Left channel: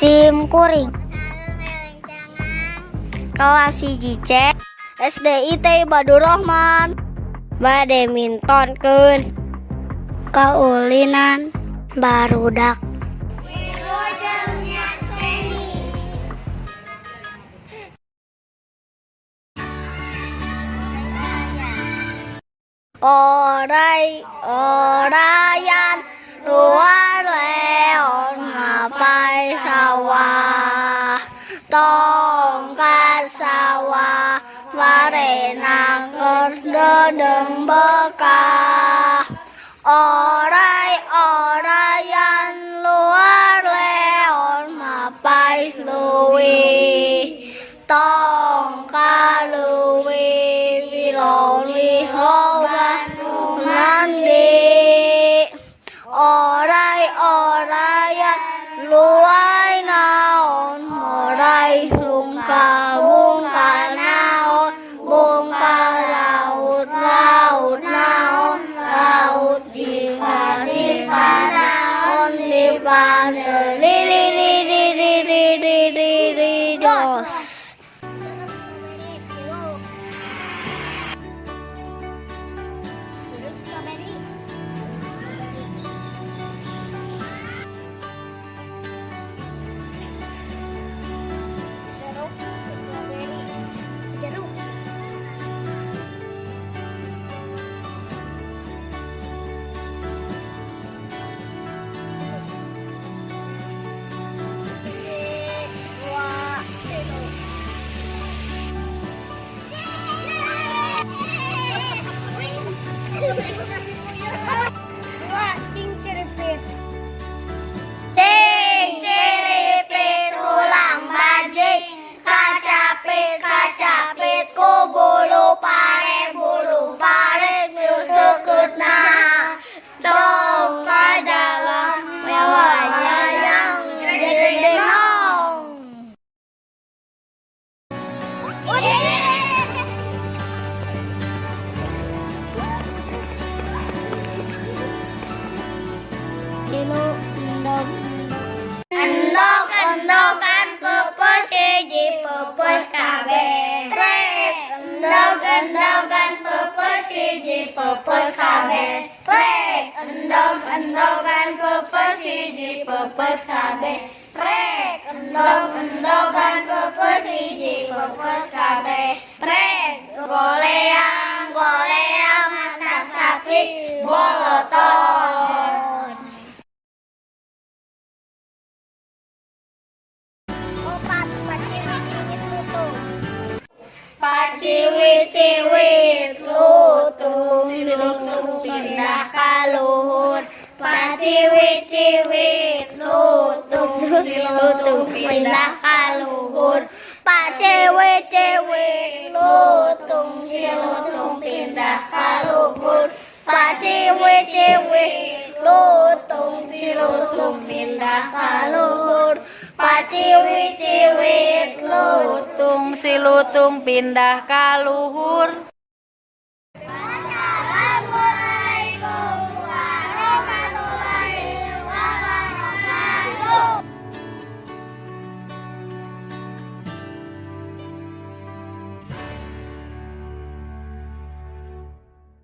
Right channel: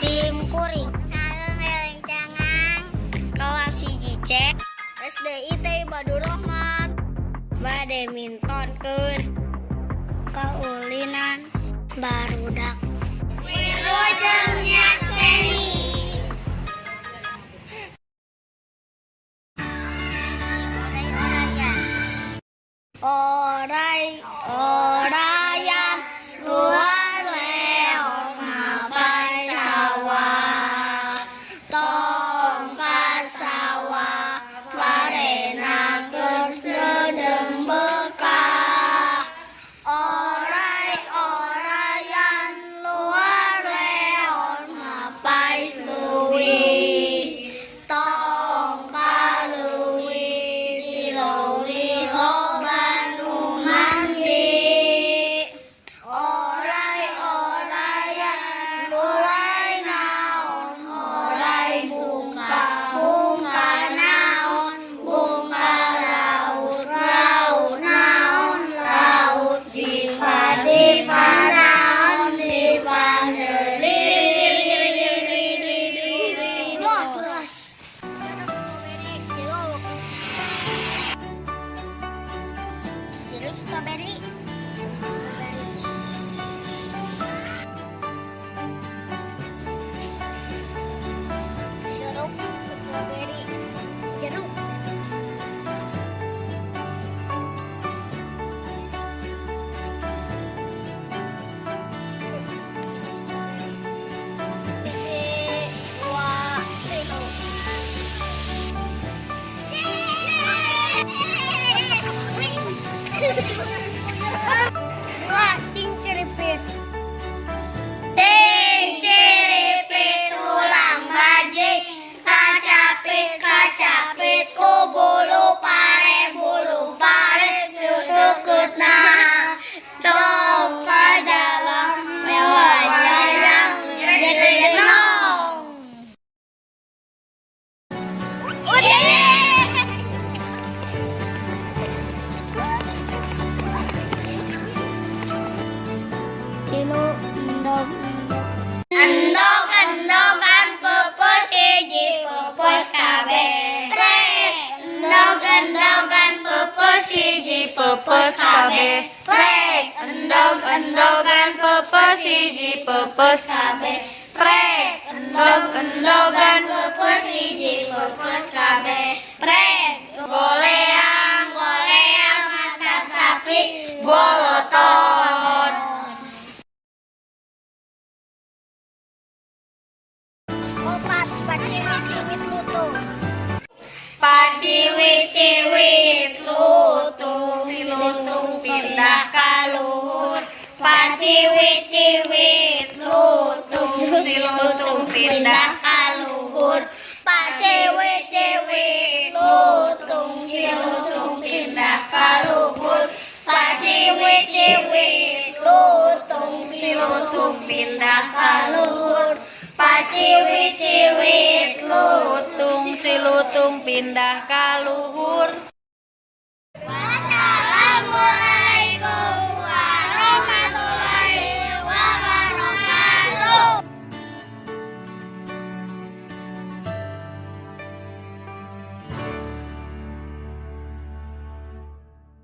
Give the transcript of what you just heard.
Sim kuring. Kelas hiji C SDIT Badurrahman. Badminton keun. Kaulinan barudak. Wilujeng nyakseni. Orayan luar leon mapai sawah, tongkat sawah warena kedeng bekah. Orayan luar leon mapai luwi, tongkat luwi tiloli hogan mandi. Orayan luai naon, orai bungka naon, bungka laut naon, laut dipa naon, dipa dos. Jeruk strawberry. Jeruk strawberry. Jeruk. Dua kilo. Dua cingkripit. Cingkripit ulang bajik, kacapit ku bulu pare susukutna. Cong ka dalam mewahnya yang genong. Kilo endog-endogan pepes hiji pepes kabeh. Endog-endogan pepes hiji pepes kabeh. Endog-endogan pepes hiji pepes kabeh. Endog-endogan pepes hiji pepes kabeh. Goleang mata sapi boloton. Paciwit lutung. Paciwit lutung, si lutung pindah ka luhur. Paciwit lutung, si lutung pindah ka luhur. Paciwit lutung, si lutung pindah ka luhur. Paciwit lutung, si lutung pindah ka luhur. Paciwit lutung, si lutung pindah ka luhur.